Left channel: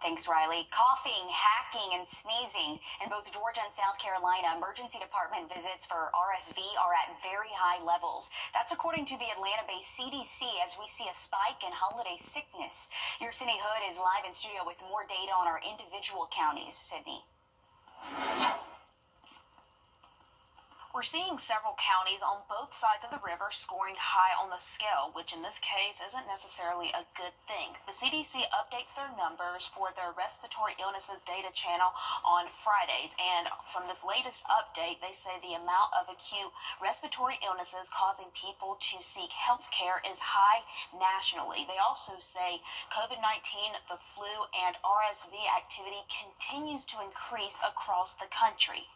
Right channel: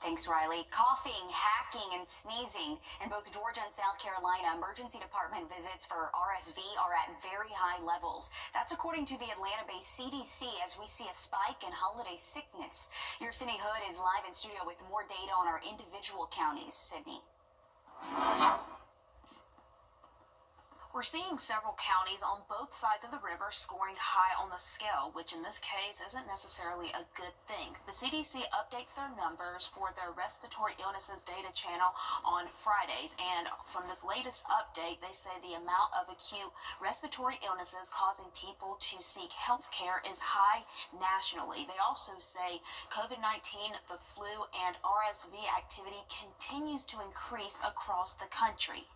Thanks, Riley. Coughing, hacking, and sneezing. In both Georgia and South Carolina, emergency department visits for RSV are at very high levels. That's according to the Atlanta-based CDC as we see a spike in holiday sickness. Your Sydney Hood is live in studio with more data on our individual counties. Sydney. We're seeing several counties on both sides of the river scoring high on the scale, which in this case isn't necessarily a good thing. The CDC updates their numbers for their respiratory illnesses data channel on Fridays, and from this latest update, they say the amount of acute respiratory illnesses causing people to seek health care is high nationally. They also say COVID-19, the flu, and RSV activity continues to increase across the country.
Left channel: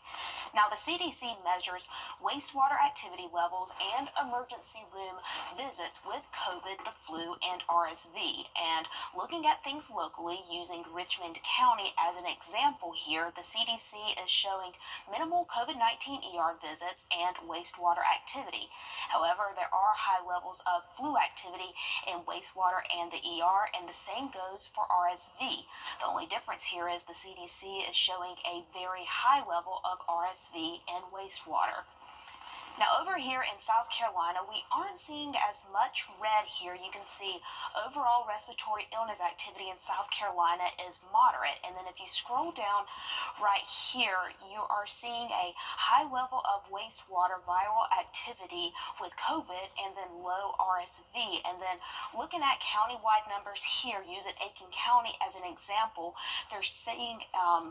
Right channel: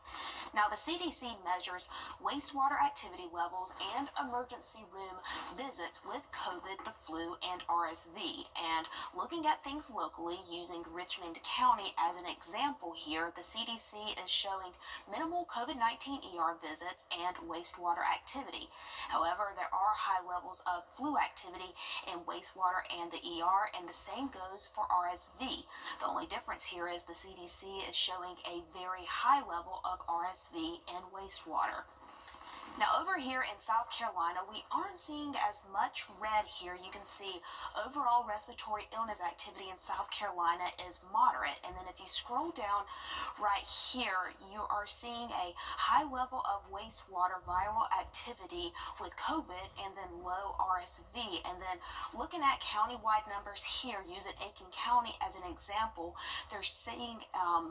Now, the CDC measures wastewater activity levels and emergency room visits with COVID, the flu, and RSV. And looking at things locally, using Richmond County as an example here, the CDC is showing minimal COVID-19 ER visits and wastewater activity. However, there are high levels of flu activity in wastewater and the ER, and the same goes for RSV. The only difference here is the CDC is showing a very high level of RSV and wastewater. Now, over here in South Carolina, we aren't seeing as much red here. You can see overall respiratory illness activity in South Carolina is moderate. And then if you scroll down right here, you are seeing a high level of wastewater viral activity with COVID and then low RSV. And then looking at countywide numbers here, using Aiken County as an example, they're saying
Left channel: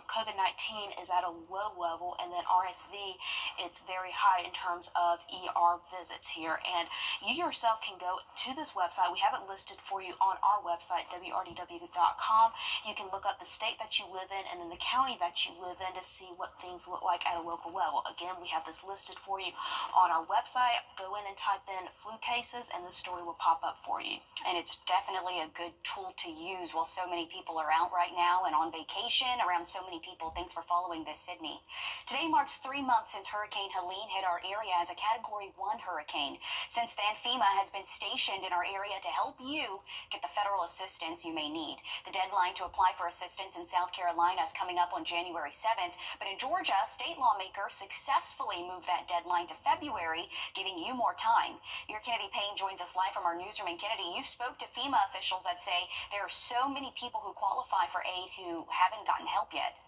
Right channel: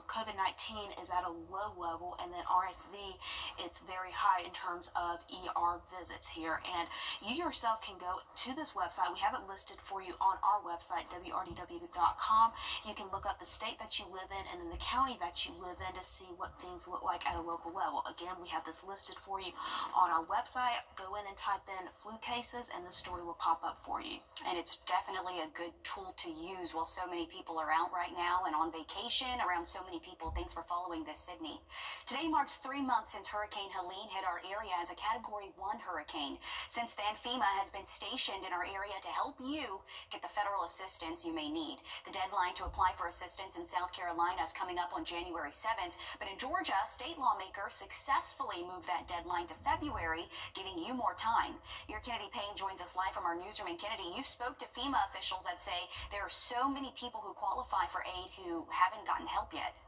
COVID-19 is at a low level, and then RSV, it's very high in terms of ER visits here. And you yourself can go to this website. We have it listed for you on our website, Wrdw.com. You can look up the state that you live in and then the county that you live in to see what things look like at a local level. Again, we have this listed for you on our website. Go in and type in flu cases and the story will pop up for you. And it's definitely a good tool to use while so many people are out right now and on vacation around so many people. Thanks for following this, Sydney. Today marks 3 months since Hurricane Helene hit our area as a Category 1 hurricane. Since then, FEMA has been stationed in our area to help you get the federal assistance you may need. The deadline to apply for assistance in South Carolina is coming up on January 7th, but in Georgia, state lawmakers successfully moved that deadline to February, giving you more time. Your Kennedy Payne joins us live from our newsroom in Kennedy. You spoke to FEMA officials that say there are so many people who qualify for aid who haven't gotten help yet.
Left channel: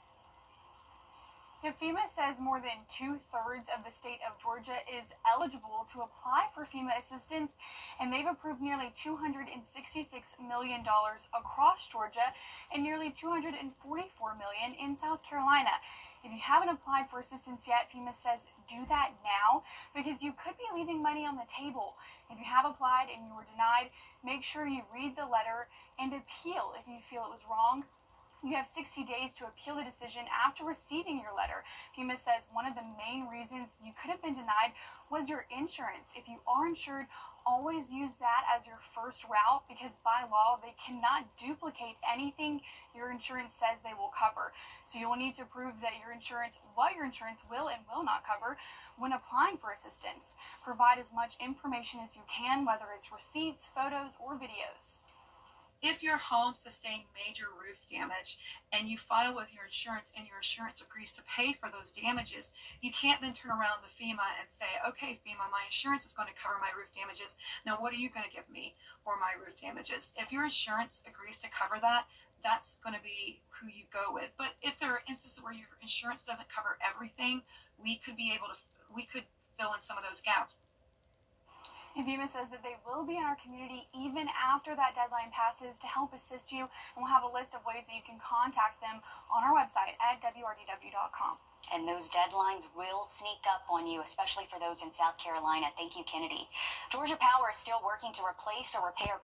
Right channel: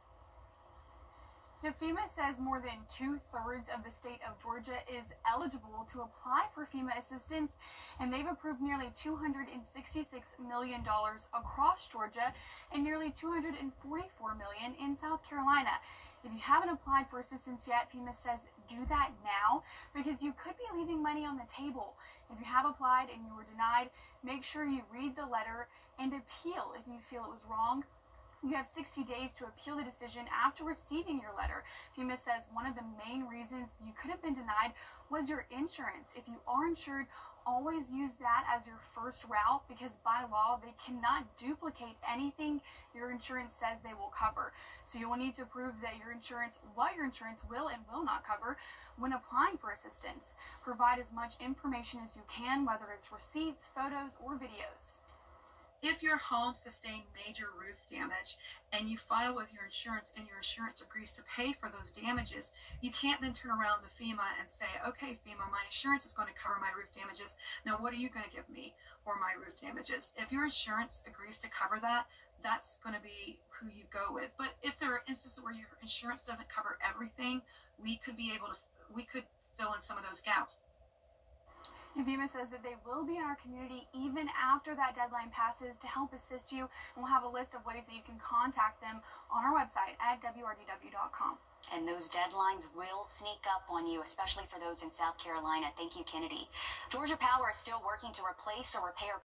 FEMA says more than 2/3 of the state of Georgia is eligible to apply for FEMA assistance, and they've approved nearly $266 million across Georgia and nearly $244 million in South Carolina. If you haven't applied for assistance yet, FEMA says do that now because you could be leaving money on the table. If you have applied and you were denied, make sure you read the letter and appeal if you feel it was wrong. You have 60 days to appeal the decision after receiving your letter. FEMA says one of the main reasons you could have been denied was your insurance. If you are insured, always use that as your first route because by law, they cannot duplicate anything your insurance says they will cover. So you will need to prove that what your insurance will and will not cover when applying for assistance. Provide as much information as you can, whether it's receipts, photos, or videos. If your home sustained major roof damage and you file with your insurance and your insurance agrees to pay for those damages, you can't then turn around to FEMA and say, okay, FEMA, my insurance is going to cover my roof damages. Now, what are you going to give me for my roof damages? If your insurance agrees to cover that, that's going to be who you go with. But if there are instances where your insurance doesn't cover everything, we could fill in some of those gaps. And FEMA says that they will be in our community even after that deadline passes to help assist you. And we'll have a list of ways that you can contact them on our website at Wrdw.com. And those deadlines will sneak up on you, especially for those in South Carolina. Thank you, Kennedy. Georgia Power is still working to replace or repair